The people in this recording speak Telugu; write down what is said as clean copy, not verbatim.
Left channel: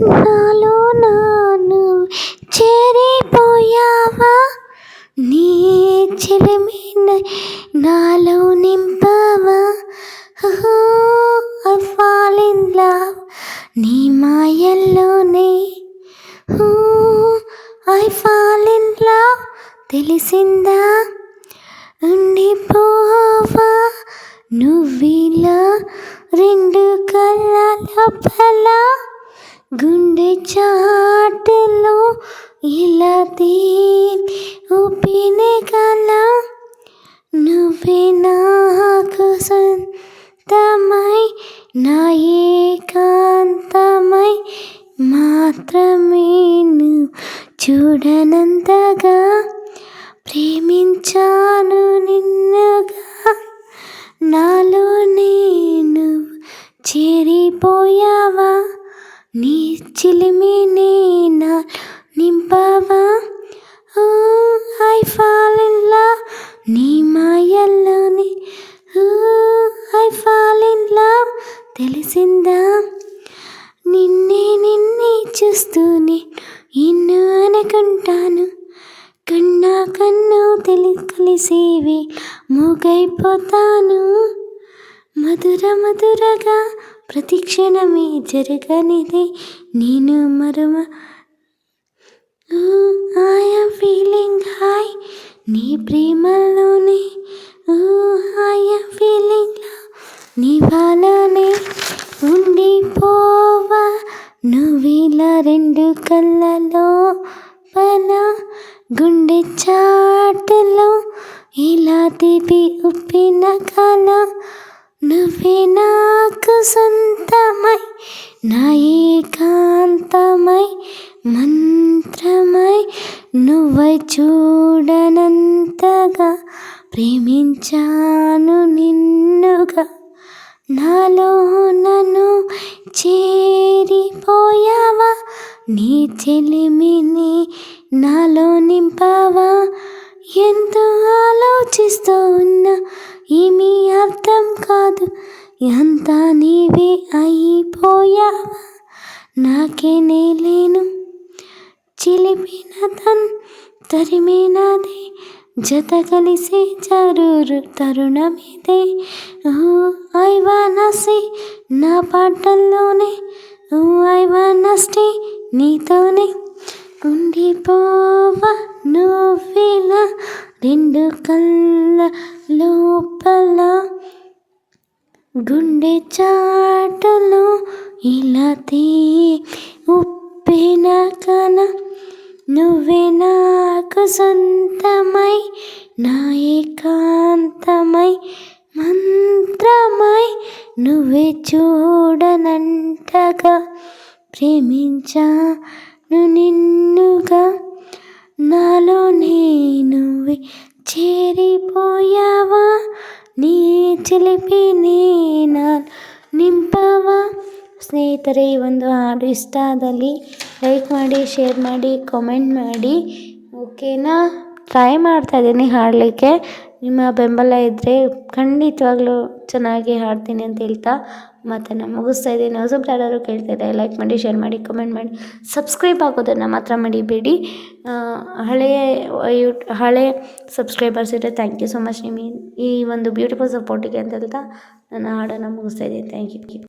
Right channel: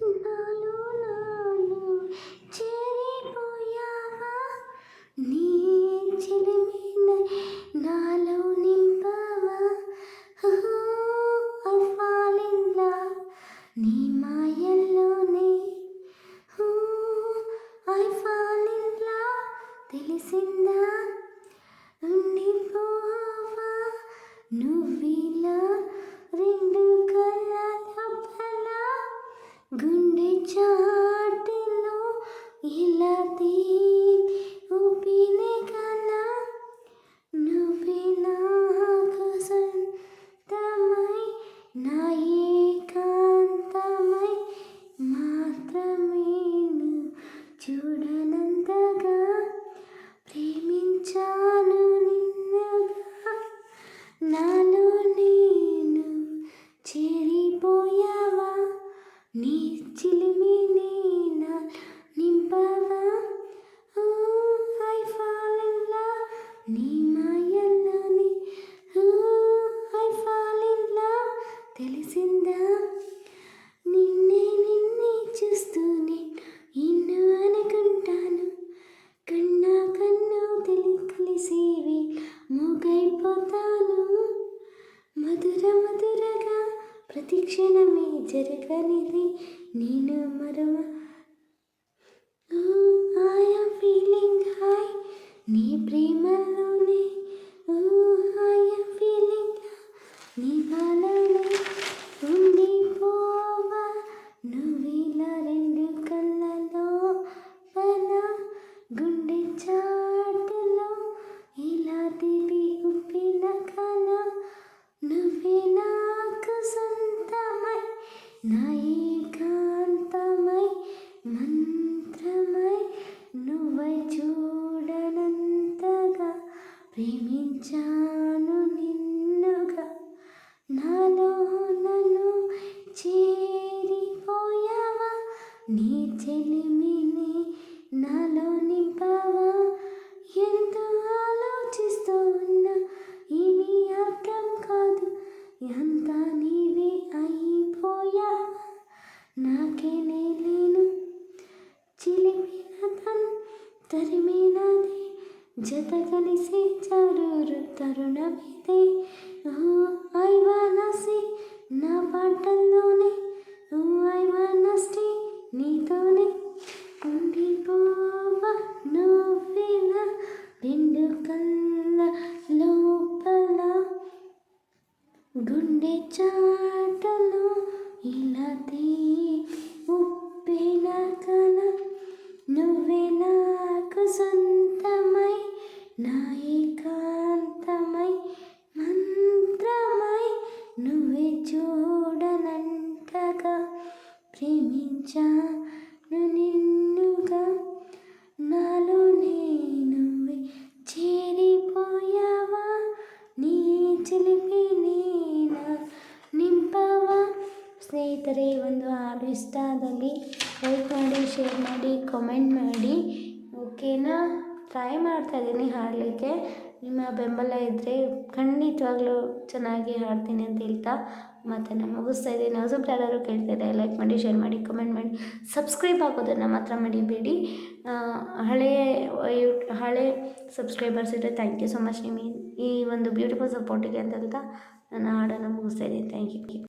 నాలో నాను చేరిపోయావా, నీ చెలిమిని నాలో నింపావా. ఐ ఫాల్ ఇన్ లవ్ నీ మాయల్లోనే. ఐ ఫాల్ ఇన్ లవ్ తెలిసిందా, ఉండిపోవా నువ్విలా రెండు కళ్ళ లోపల. గుండె చాటులో ఇలా ఊపినే కల. నువ్వే నాకు సొంతమై నా ఏకాంతమై మాత్రమే నువ్వు చూడనంతగా ప్రేమించాను నిన్నుగా. నాలో నేను చేరిపోయావా, నీ చిలిమిని నా నింపావా. ఐ ఫాల్ ఇన్ లవ్ నీ మాయల్లోని. ఐ ఫాల్ ఇన్ లవ్ తెలిసిందా, నిన్నే చూస్తూనే ఎన్నో అనుకుంటాను. కన్నా కన్ను కలిసేవి మూగైపోతాను. మధురగా ప్రతి క్షణమే జరగనిదే నేను మరువ. ఐఎమ్ ఫీలింగ్ హై నీ ప్రేమలోనే. ఐఎమ్ ఫీలింగ్ లవ్ నీ వాళ్ళనే. ఉండిపోవా నువ్విలా రెండు కళ్ళలో పల. గుండె చాటులో ఇలా ఉప్పిన కల. నువ్వే నాకు సొంతమై నా ఏకాంతమై మంత్రమై నువ్వై చూడనంతగా ప్రేమించాను నిన్నుగా. నాలో నన్ను చేరిపోయావా, నీ చెలిమిని నాలో నింపావా. ఎంతో ఆలోచిస్తూ ఉన్నా ఏమీ అర్థం కాదు, అంతా నీవే అయిపోయావా. నాకే నేలేను చిలిపిన తరిమినదే జత కలిసే తరుణమిదే. ఐ వానా సే నా పాటల్లోనే. ఐ వానా స్టే నీతోనే. ఉండిపోవా నువ్విలా రెండు కళ్ళ లోపల. గుండె చాటులో ఇలా ఉప్పిన కల. నువ్వే నాకు సొంతమై నా ఏకాంతమై మంత్రమై నువ్వే చూడనంటగా ప్రేమించాను నిన్నుగా. నాలో నువ్వే చేరిపోయావా, నీ ಚಿಲಿಪಿನೇ ನಾನು ನಿಂಪವ. ಸ್ನೇಹಿತರೆ, ಈ ಒಂದು ಹಾಡು ಇಷ್ಟ ಆದಲ್ಲಿ ಲೈಕ್ ಮಾಡಿ, ಶೇರ್ ಮಾಡಿ, ಕಾಮೆಂಟ್ ಮಾಡಿ. ಓಕೆನಾ? ಟ್ರೈ ಮಾಡ್ತಾಯಿದ್ದೀನಿ ಹಾಡಲಿಕ್ಕೆ. ನಿಮ್ಮ ಬೆಂಬಲ ಇದ್ದರೆ ಖಂಡಿತವಾಗ್ಲೂ ಚೆನ್ನಾಗಿ ಹಾಡ್ತೀನಿ ಅಂತ ಹೇಳ್ತಾ ಮಾತನ್ನು ಮುಗಿಸ್ತಾ ಇದ್ದೀನಿ. ಹೊಸಬ್ರು ಯಾರಾದರೂ ಕೇಳ್ತಾ ಇದ್ದಾರೆ, ಲೈಕ್ ಮಾಡಿ, ಶೇರ್ ಮಾಡಿ, ಕಮೆಂಟ್ ಮಾಡಿ, ಸಬ್ಸ್ಕ್ರೈಬ್ ಆಗೋದನ್ನು ಮಾತ್ರ ಮಡಿಬೇಡಿ. ಹಳೆ ಸಬ್ಸ್ಕ್ರೈಬರ್ಸ್ ಇದ್ದರೆ ಥ್ಯಾಂಕ್ ಯು ಸೊ ಮಚ್. ನಿಮ್ಮ ಈ ಒಂದು ಬ್ಯೂಟಿಫುಲ್ ಸಪೋರ್ಟಿಗೆ ಅಂತ ಹೇಳ್ತಾ ನನ್ನ ಹಾಡನ್ನು ಮುಗಿಸ್ತಾ ಇದ್ದೀನಿ. Thank you.